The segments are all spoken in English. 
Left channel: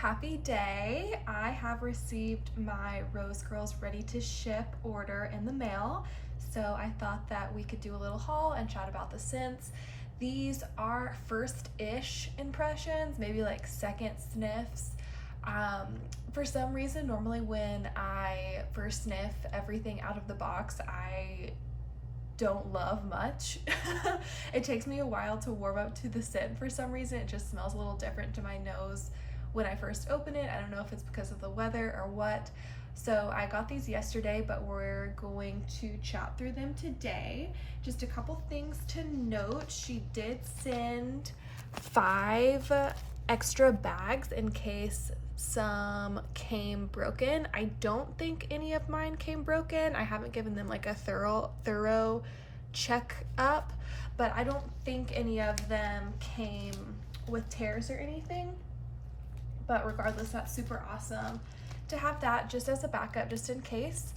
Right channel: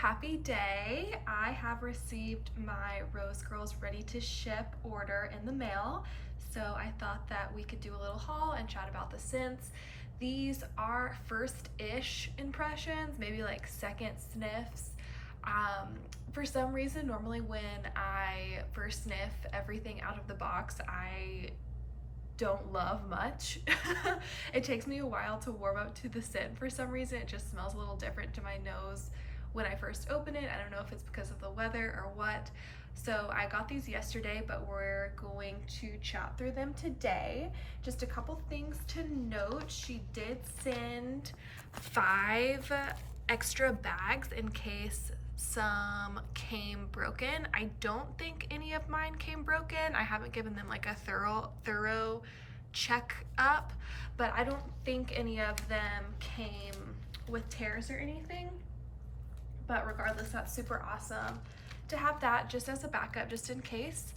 happy day. I have received my Rose Girls Ready to Ship order in the mail. So I thought that we could do a little haul and chat about the scents. These are first-ish impressions, maybe like second sniffs. For some reason, normally when I first sniff everything out of the box, I don't love much. It takes me a while to warm up to the scent for some reason. It just smells a little different to my nose when I first open it. I don't know if it's because of the weather or what. So I got these yesterday, but we're going to chat through them today. Just a couple things to note. She did send 5 extra bags in case some came broken. I don't think any of mine came broken. I haven't given them like a thorough check up, but I don't think any of them came with tears or anything. But regardless, that's super awesome to have that just as a backup, just in case.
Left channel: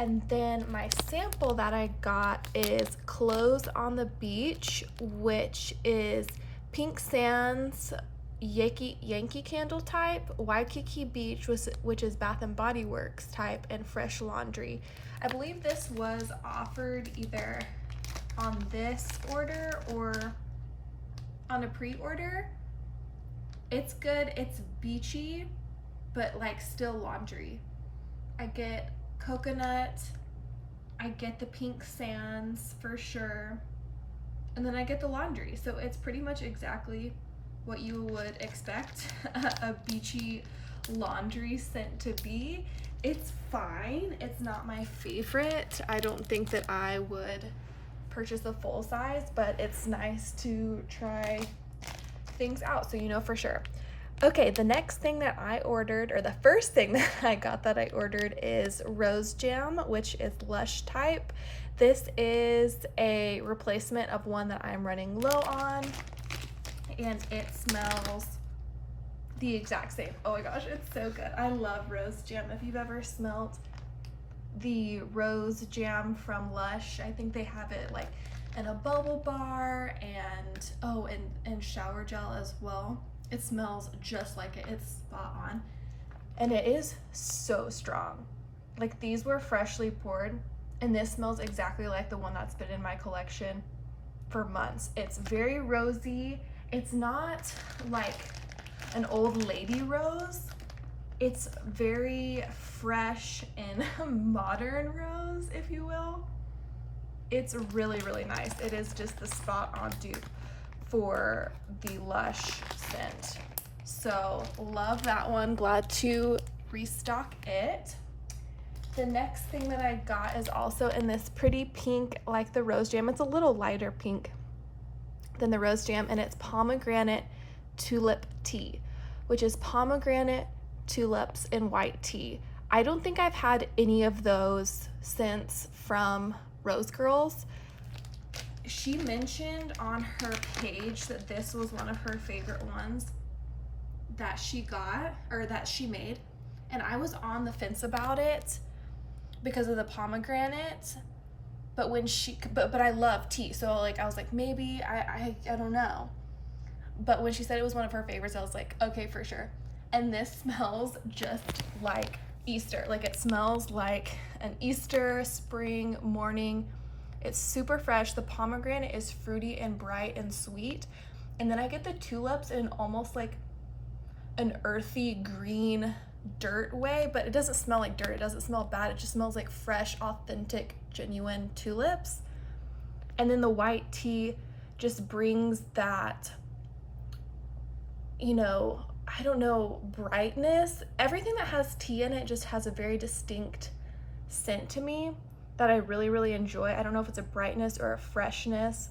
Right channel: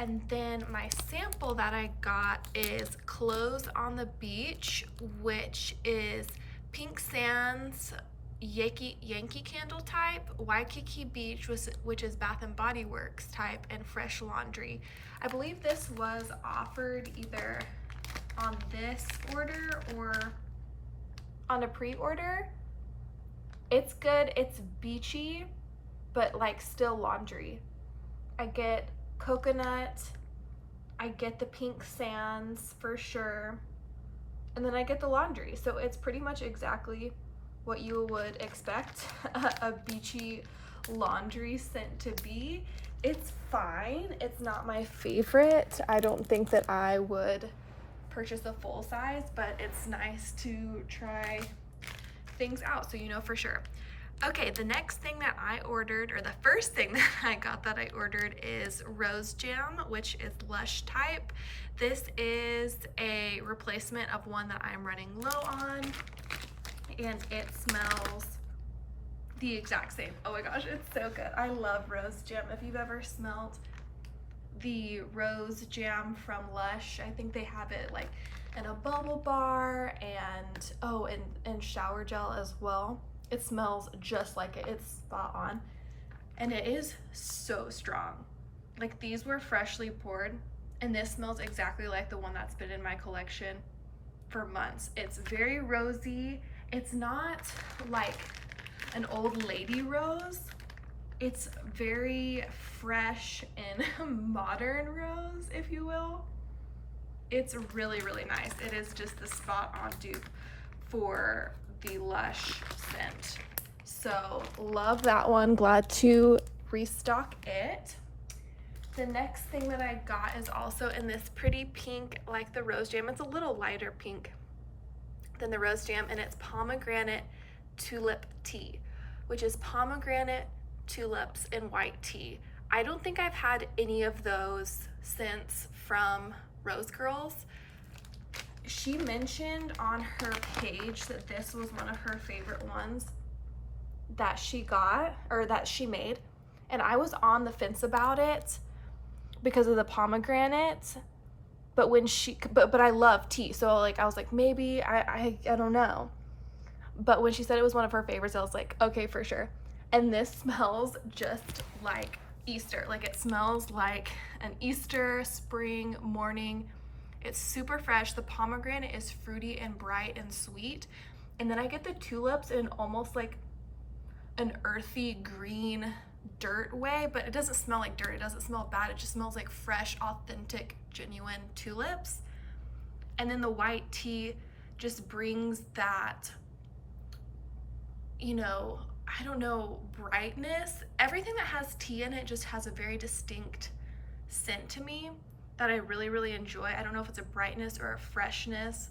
And then my sample that I got is Clothes on the Beach, which is Pink Sands, Yankee Candle type, Waikiki Beach, which is Bath and Body Works type, and Fresh Laundry. I believe this was offered either on this order or on a pre-order. It's good, it's beachy, but like still laundry. I get coconut, I get the Pink Sands for sure, and then I get the laundry. So it's pretty much exactly what you would expect a beachy laundry scent to be. It's fine. It's not my favorite. I don't think that I would purchase a full size, but it's nice to try things out so you know for sure. Okay, the next thing that I ordered, or the first thing that I got that I ordered, is Rose Jam, which is Lush type. This is a replacement of one that I'm running low on, and it smells the exact same. Oh my gosh, it's so good. I love Rose Jam. If you've ever smelled the Rose Jam from Lush, I think they have it like in a bubble bar and and shower gel as well. It smells just like it. It's spot on, and it is so strong. Like, these were freshly poured, and this smells exactly like the one that's been in my collection for months. It's very rosy. It's not like an old lady rose. It's very fresh and modern rose, if you will. It's really, really nice. It is just the spot on dupe for the Lush scent. So love that one. Glad to restock it. The next thing that I got is also in this pretty pink, like the Rose Jam. It's a little lighter pink than the Rose Jam, and it's pomegranate tulip tea, which is pomegranate, tulips, and white tea. I don't think I've had any of those scents from Rose Girls. She mentioned on her page that this was one of her favorite ones that she got, or that she made, and I was on the fence about it because of the pomegranate. But when but I love tea, so like I was like, maybe I don't know. But when she said it was one of her favorites, I was like, okay, for sure. And this smells just like Easter. Like, it smells like an Easter spring morning. It's super fresh. The pomegranate is fruity and bright and sweet, and then I get the tulips in almost like an earthy green dirt way, but it doesn't smell like dirt. It doesn't smell bad. It just smells like fresh, authentic, genuine tulips. And then the white tea just brings that, you know, I don't know, brightness. Everything that has tea in it just has a very distinct scent to me that I really, really enjoy. I don't know if it's a brightness or a freshness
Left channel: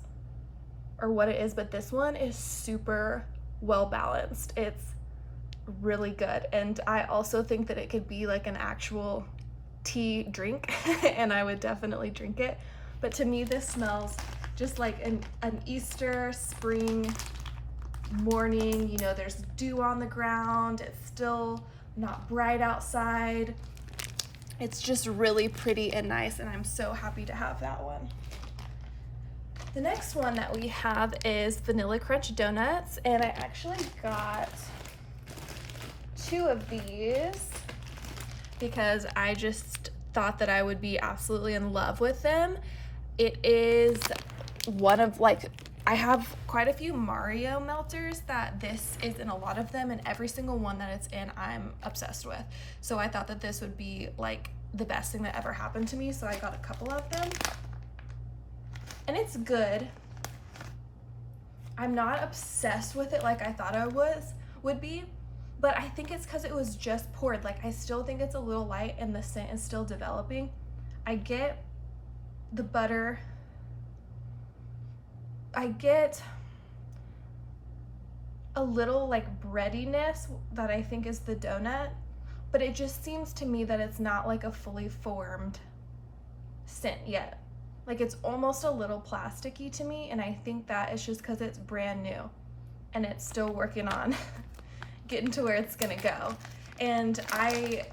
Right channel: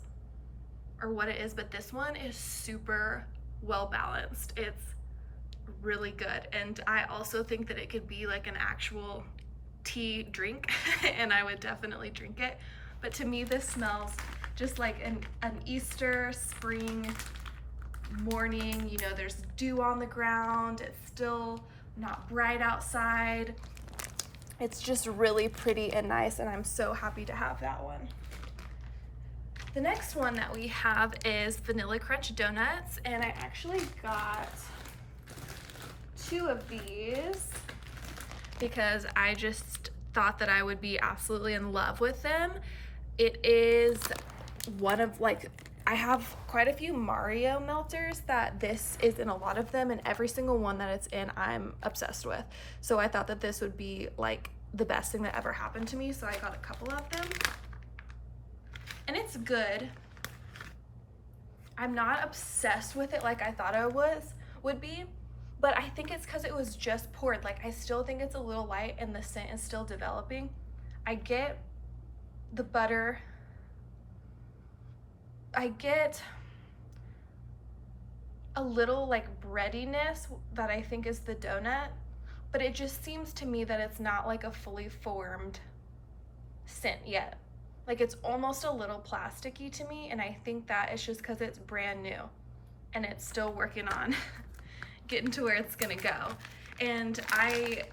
or what it is, but this one is super well balanced. It's really good, and I also think that it could be like an actual tea drink and I would definitely drink it. But to me, this smells just like an Easter spring morning. You know, there's dew on the ground. It's still not bright outside. It's just really pretty and nice, and I'm so happy to have that one. The next one that we have is Vanilla Crunch Donuts, and I actually got 2 of these because I just thought that I would be absolutely in love with them. It is one of, like, I have quite a few Mario melters that this is in a lot of them, and every single one that it's in I'm obsessed with. So I thought that this would be like the best thing that ever happened to me, so I got a couple of them. And it's good. I'm not obsessed with it like I thought I would be, but I think it's because it was just poured. Like, I still think it's a little light and the scent is still developing. I get the butter. I get a little like breadiness that I think is the donut, but it just seems to me that it's not like a fully formed scent yet. Like, it's almost a little plasticky to me, and I think that it's just because it's brand new and it's still working on getting to where it's gonna go. And I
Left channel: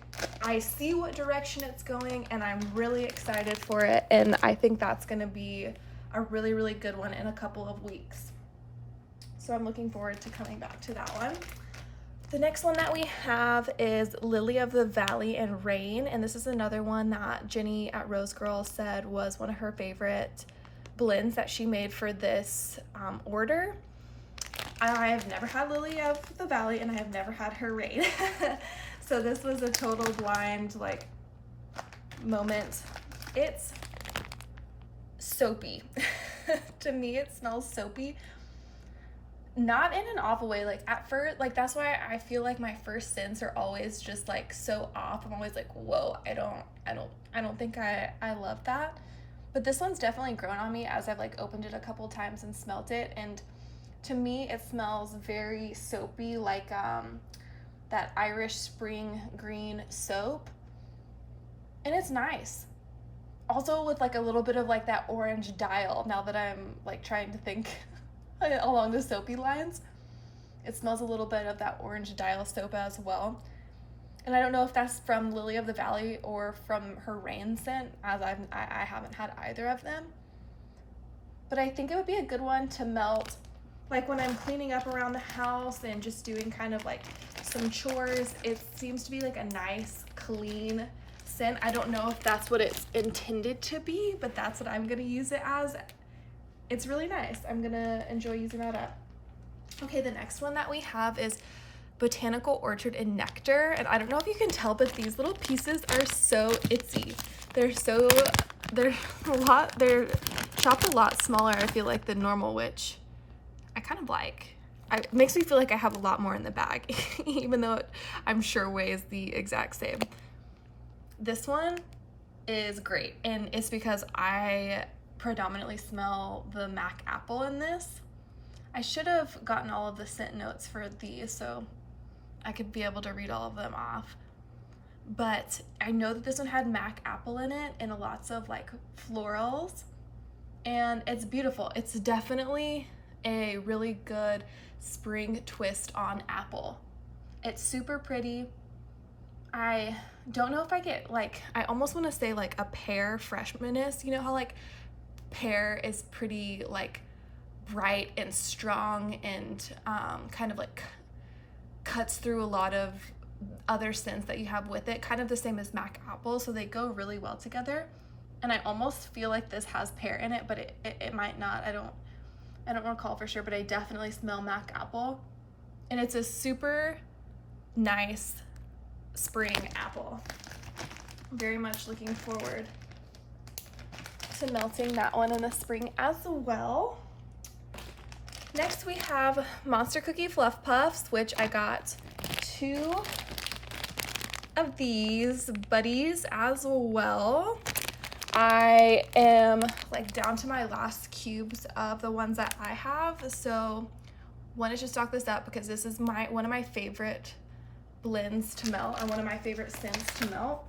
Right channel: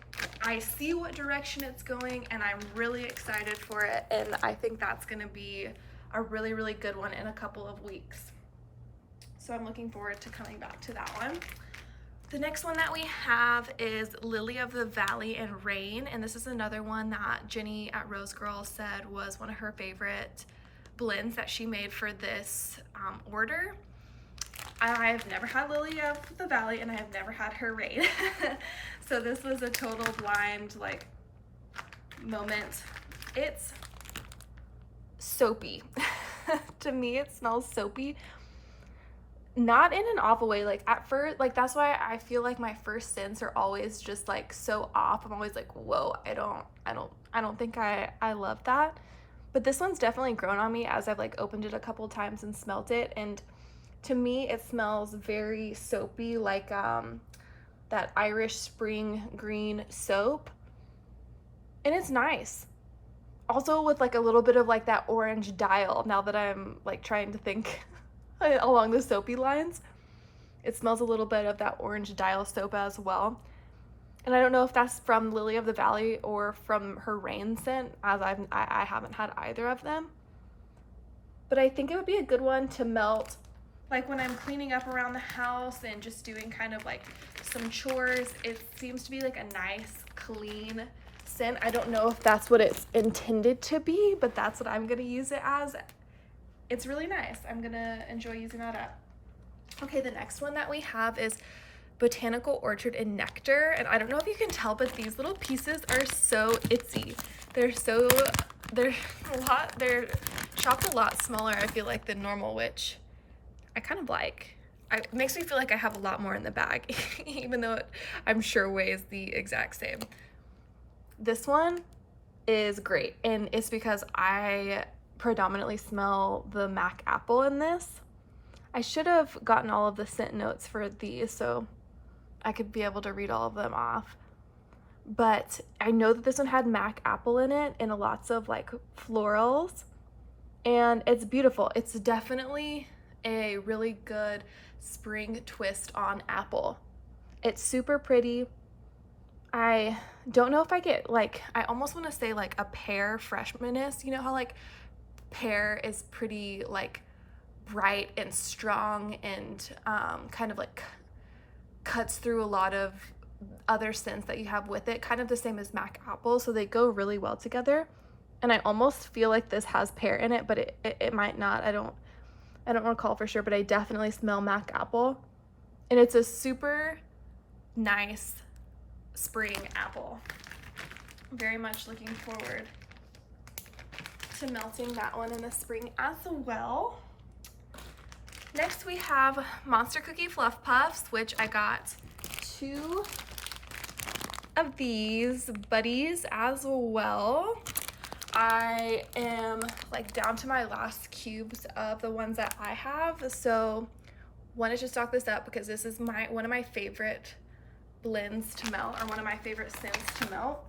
see what direction it's going, and I'm really excited for it, and I think that's gonna be a really, really good one in a couple of weeks. So I'm looking forward to coming back to that one. The next one that we have is Lily of the Valley and Rain, and this is another one that Jenny at Rose Girl said was one of her favorite blends that she made for this order. I have never had Lily of the Valley, and I have never had her Rain. So this was a total blind like moment. It's soapy. To me, it smells soapy. Not in an awful way. Like, at first, like, that's why I feel like my first scents are always just like so off. I'm always like, whoa, I don't think I love that. But this one's definitely grown on me as I've like opened it a couple times and smelt it, and to me it smells very soapy, like that Irish spring green soap, and it's nice. Also with like a little bit of like that orange dial, now that I'm like trying to think along the soapy lines. It smells a little bit of that orange dial soap as well. And I don't know if that's from Lily of the Valley or from her Rain scent, as I haven't had either of them. But I think it would be a good one to melt like when I'm cleaning up around the house and just doing kind of like some chores. It seems to be like a nice, clean scent. I don't know if that's what it's intended to be, but that's what I'm gonna use it as. It's really nice. I'm gonna enjoy using that up. Okay, the next one that we have is Botanical Orchard and Nectar, and I don't know if you can tell, but these little pieces are so itsy. They're chopped a lot smaller, I feel like, than normal, which I kind of like. It makes me feel like I have a lot more in the bag, even though I'm sure weighs the exact same. This one is great, and it's because I predominantly smell the Mac apple in this. I should have gotten all of the scent notes for these so I could be able to read all of them off. But I know that this one had Mac apple in it and lots of like florals, and it's beautiful. It's definitely a really good spring twist on apple. It's super pretty. I don't know if I get like, I almost want to say like a pear freshmaness. You know how like pear is pretty like bright and strong and kind of like cuts through a lot of other scents that you have with it, kind of the same as Mac apple, so they go really well together. And I almost feel like this has pear in it, but it might not. I don't recall for sure, but I definitely smell Mac apple, and it's a super nice spring apple. Very much looking forward to melting that one in the spring as well. Next we have Monster Cookie Fluff Puffs, which I got 2 of these buddies as well. I am like down to my last cubes of the ones that I have, so wanted to stock this up because this is one of my favorite blends to melt, or one of my favorite scents to melt.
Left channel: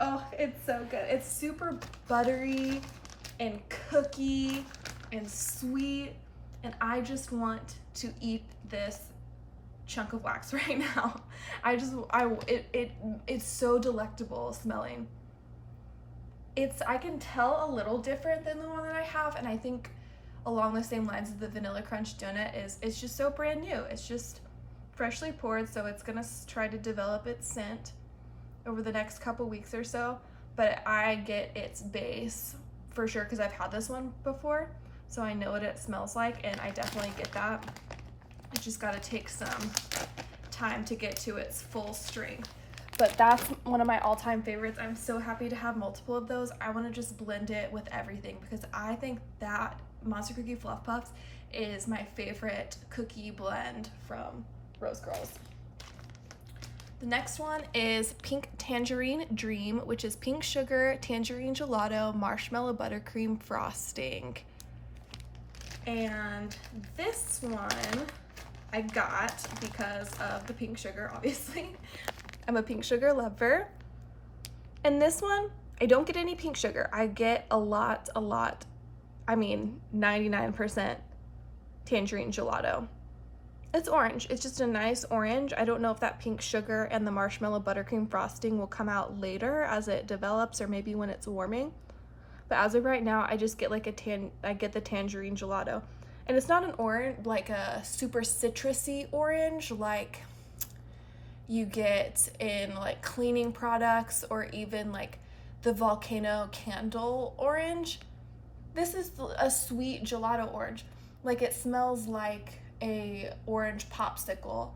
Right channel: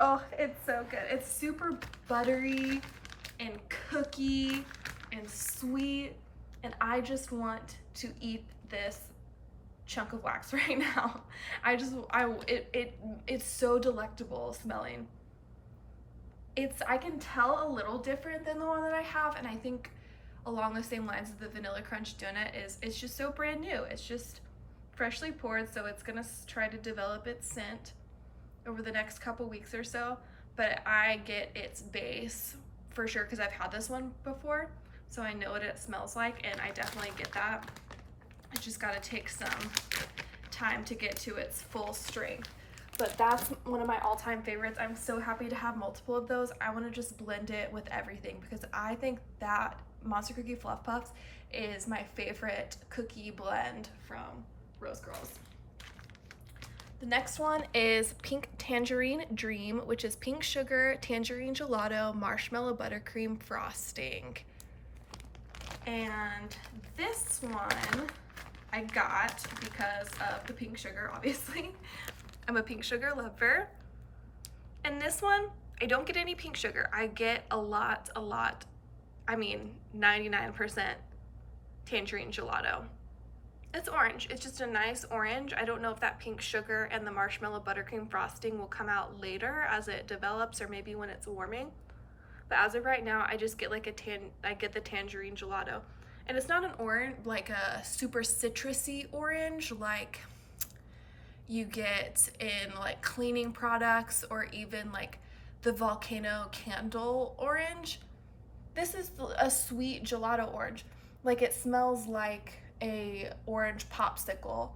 Oh, it's so good. It's super buttery and cookie and sweet, and I just want to eat this chunk of wax right now. It's so delectable smelling. I can tell a little different than the one that I have, and I think along the same lines as the Vanilla Crunch donut it's just so brand new. It's just freshly poured, so it's gonna try to develop its scent over the next couple weeks or so, but I get its base for sure because I've had this one before, so I know what it smells like, and I definitely get that. I just gotta take some time to get to its full strength. But that's one of my all-time favorites. I'm so happy to have multiple of those. I want to just blend it with everything because I think that Monster Cookie Fluff Puffs is my favorite cookie blend from Rose Girls. The next one is Pink Tangerine Dream, which is pink sugar, tangerine gelato, marshmallow buttercream frosting. And this one I got because of the pink sugar, obviously. I'm a pink sugar lover. And this one, I don't get any pink sugar. I get a lot, I mean 99% tangerine gelato. It's orange. It's just a nice orange. I don't know if that pink sugar and the marshmallow buttercream frosting will come out later as it develops or maybe when it's warming. But as of right now, I just get like I get the tangerine gelato. And it's not an orange, like a super citrusy orange like you get in like cleaning products or even like the volcano candle orange. This is a sweet gelato orange. Like it smells like a orange popsicle.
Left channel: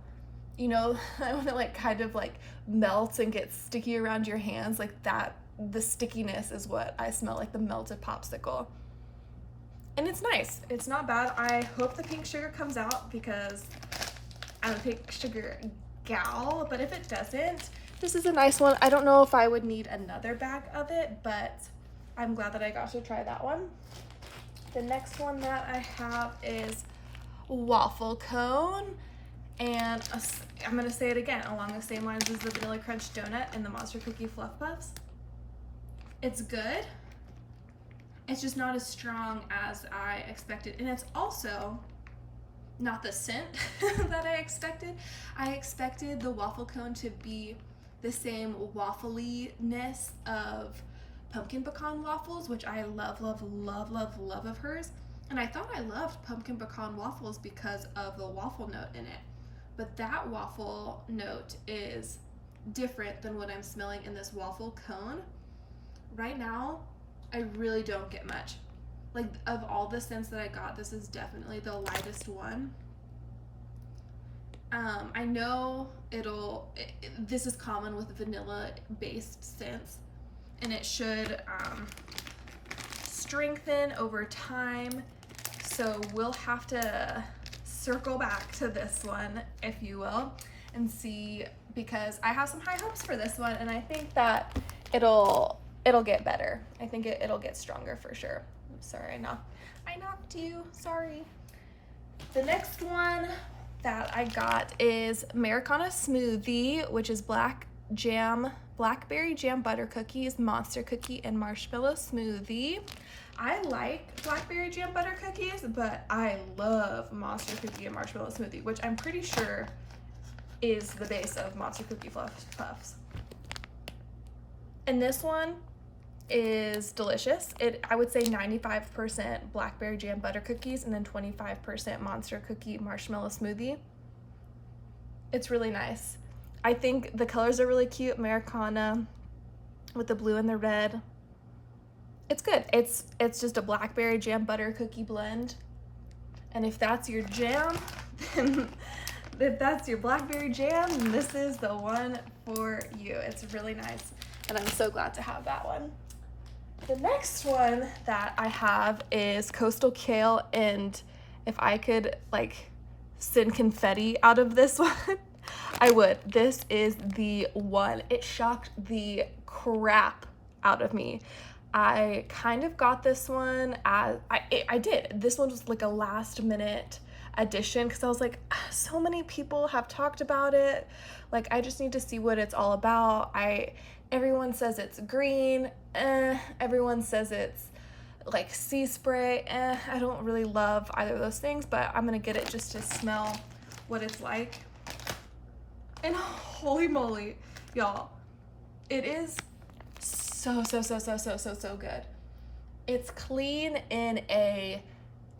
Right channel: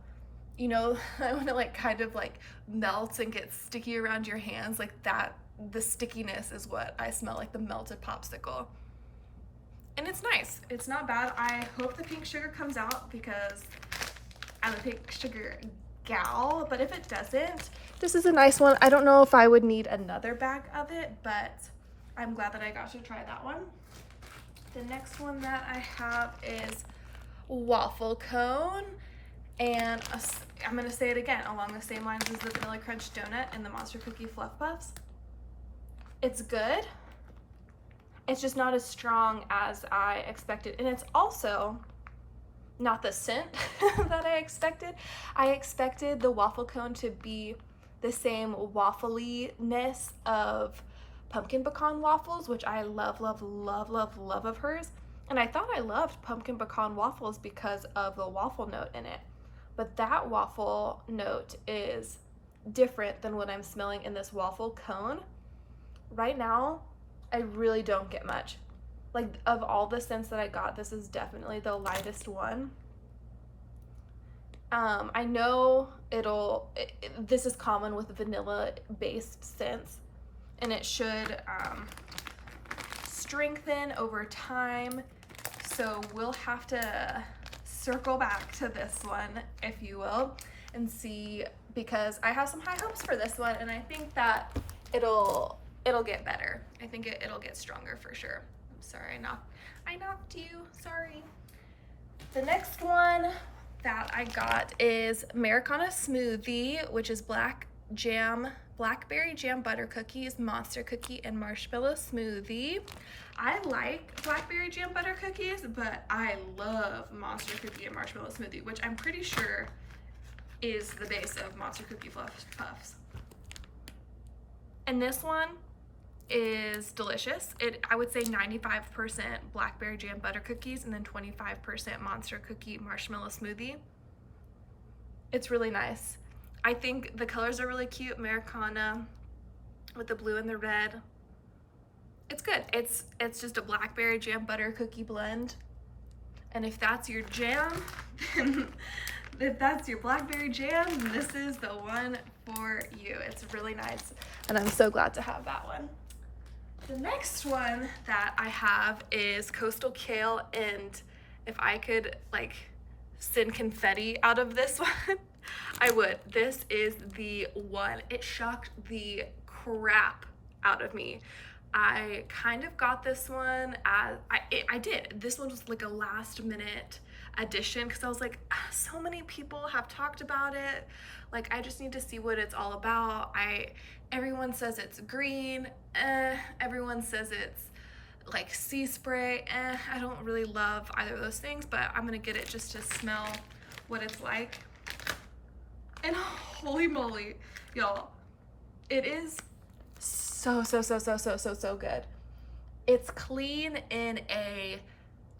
You know, when it like kind of like melts and gets sticky around your hands, like that, the stickiness is what I smell, like the melted popsicle. And it's nice. It's not bad. I hope the pink sugar comes out because I'm a pink sugar gal, but if it doesn't, this is a nice one. I don't know if I would need another bag of it, but I'm glad that I got to try that one. The next one that I have is waffle cone, and I'm gonna say it again along the same lines as the vanilla crunch donut and the Monster Cookie Fluff Puffs. It's good. It's just not as strong as I expected, and it's also not the scent that I expected. I expected the waffle cone to be the same waffliness of pumpkin pecan waffles, which I love of hers. And I thought I loved pumpkin pecan waffles because of the waffle note in it. But that waffle note is different than what I'm smelling in this waffle cone. Right now, I really don't get much. Like, of all the scents that I got, this is definitely the lightest one. I know this is common with vanilla-based scents, and it should strengthen over time. So we'll have to circle back to this one, if you will, and see, because I have some high hopes for this one, and I think that it'll get better. I think it'll get stronger for sure. I'm sorry, I knocked you, sorry. The next one that I got is Americana Smoothie, which is blackberry jam butter cookies, monster cookie, and marshmallow smoothie. I like blackberry jam butter cookies, but I love monster cookie and marshmallow smoothie, which I'm pretty sure is the base of Monster Cookie Fluff Puffs. And this one is delicious. I would say 95% blackberry jam butter cookies and then 25% monster cookie marshmallow smoothie. It's really nice. I think the colors are really cute. Americana with the blue and the red. It's good. It's just a blackberry jam butter cookie blend. And if that's your jam, then if that's your blackberry jam, then this is the one for you. It's really nice. And I'm so glad to have that one. The next one that I have is Coastal Kale, and if I could like send confetti out of this one, I would. This is the one. It shocked the crap out of me. I kind of got this one as, I did. This one was like a last minute addition because I was like, so many people have talked about it. Like, I just need to see what it's all about. Everyone says it's green, everyone says it's like sea spray, I don't really love either of those things, but I'm gonna get it just to smell what it's like. And holy moly, y'all, it is so good. It's clean in a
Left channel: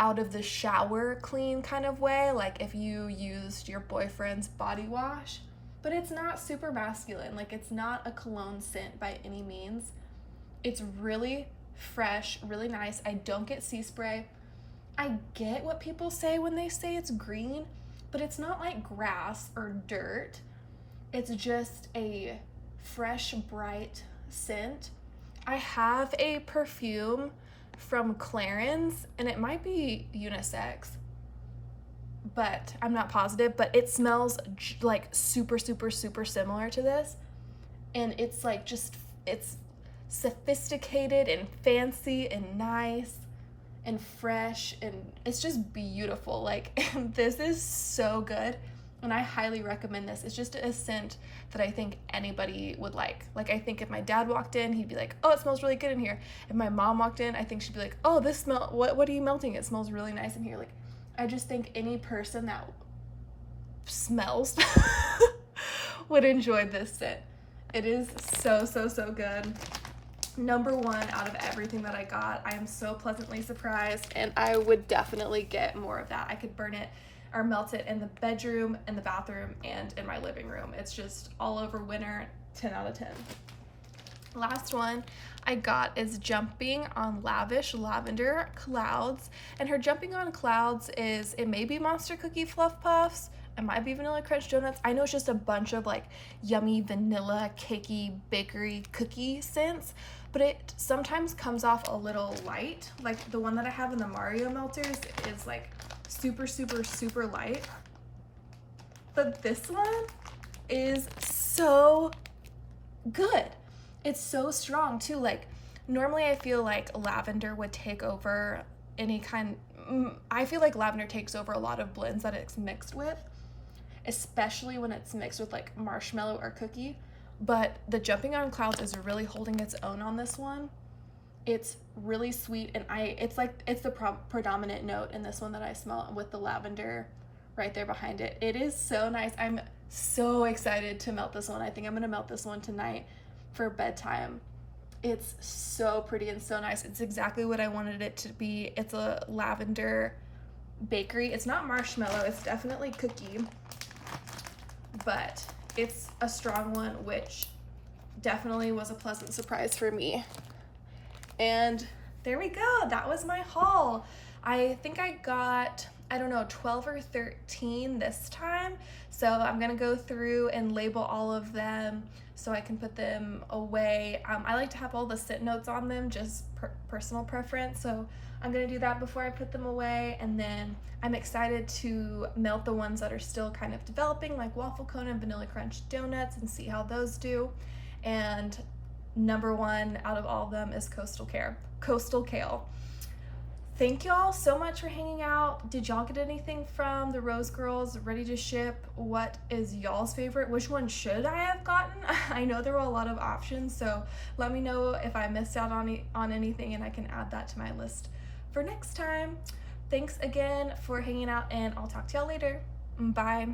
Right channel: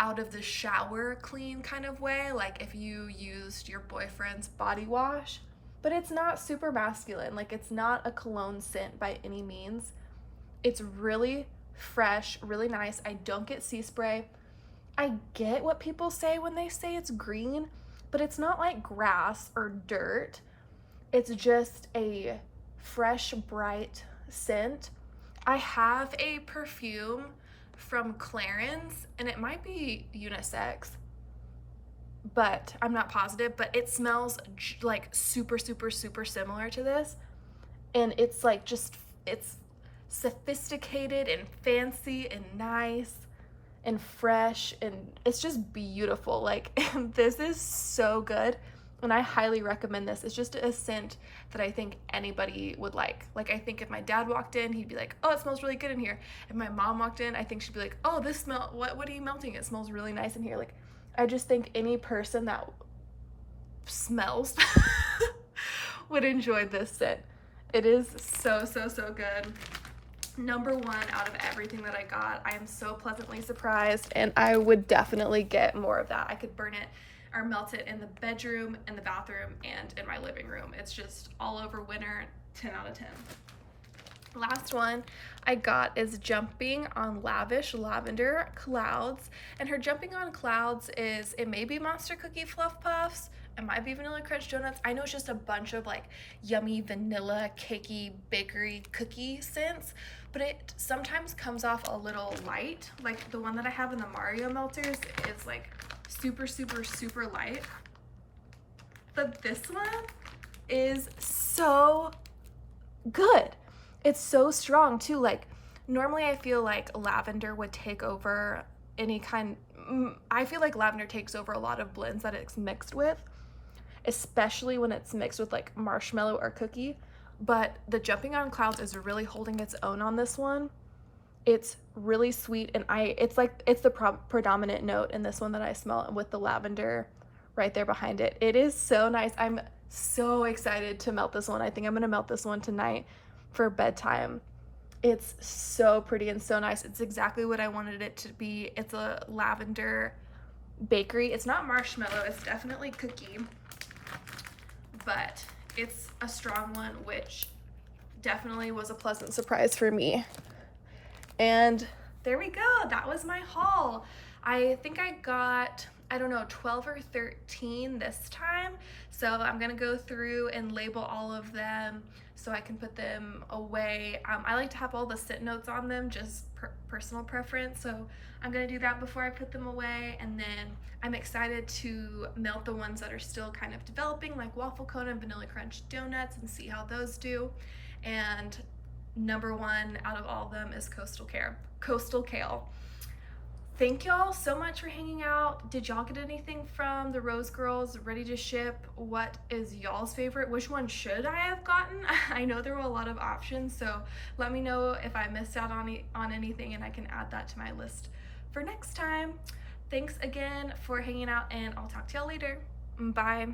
out of the shower clean kind of way, like if you used your boyfriend's body wash, but it's not super masculine. Like, it's not a cologne scent by any means. It's really fresh, really nice. I don't get sea spray. I get what people say when they say it's green, but it's not like grass or dirt. It's just a fresh, bright scent. I have a perfume from Clarins, and it might be unisex, but I'm not positive, but it smells like super, super, super similar to this. And it's like it's sophisticated and fancy and nice and fresh, and it's just beautiful. Like, this is so good, and I highly recommend this. It's just a scent that I think anybody would like. Like, I think if my dad walked in, he'd be like, oh, it smells really good in here. If my mom walked in, I think she'd be like, oh, this smell, what are you melting? It smells really nice in here. Like, I just think any person that smells would enjoy this scent. It is so, so, so good. Number one out of everything that I got. I am so pleasantly surprised, and I would definitely get more of that. I could burn it or melt it in the bedroom, in the bathroom, and in my living room. It's just all over winter, 10 out of 10. Last one I got is Jumping on Lavish Lavender Clouds, and her Jumping on Clouds is, it may be Monster Cookie Fluff Puffs, it might be Vanilla Crunch Donuts. I know it's just a bunch of like yummy vanilla cakey bakery cookie scents, but it sometimes comes off a little light. Like the one that I have in the Mario melters is like super, super, super light, but this one is so good. It's so strong too. Like, normally I feel like lavender would take over any kind, I feel like lavender takes over a lot of blends that it's mixed with, especially when it's mixed with like marshmallow or cookie. But the Jumping on Clouds is really holding its own on this one. It's really sweet, and it's the predominant note in this one that I smell, with the lavender right there behind it. It is so nice. I'm so excited to melt this one. I think I'm gonna melt this one tonight for bedtime. It's so pretty and so nice. It's exactly what I wanted it to be. It's a lavender bakery. It's not marshmallow, it's definitely cookie, but it's a strong one, which definitely was a pleasant surprise for me. And there we go. That was my haul. I think I got, I don't know, 12 or 13 this time. So I'm gonna go through and label all of them so I can put them away. I like to have all the scent notes on them, just personal preference. So I'm gonna do that before I put them away. And then I'm excited to melt the ones that are still kind of developing, like Waffle Cone and Vanilla Crunch Donuts, and see how those do. And number one out of all of them is Coastal Kale. Thank y'all so much for hanging out. Did y'all get anything from the Rose Girls ready to ship? What is y'all's favorite? Which one should I have gotten? I know there were a lot of options, so let me know if I missed out on anything, and I can add that to my list for next time. Thanks again for hanging out, and I'll talk to y'all later. Bye.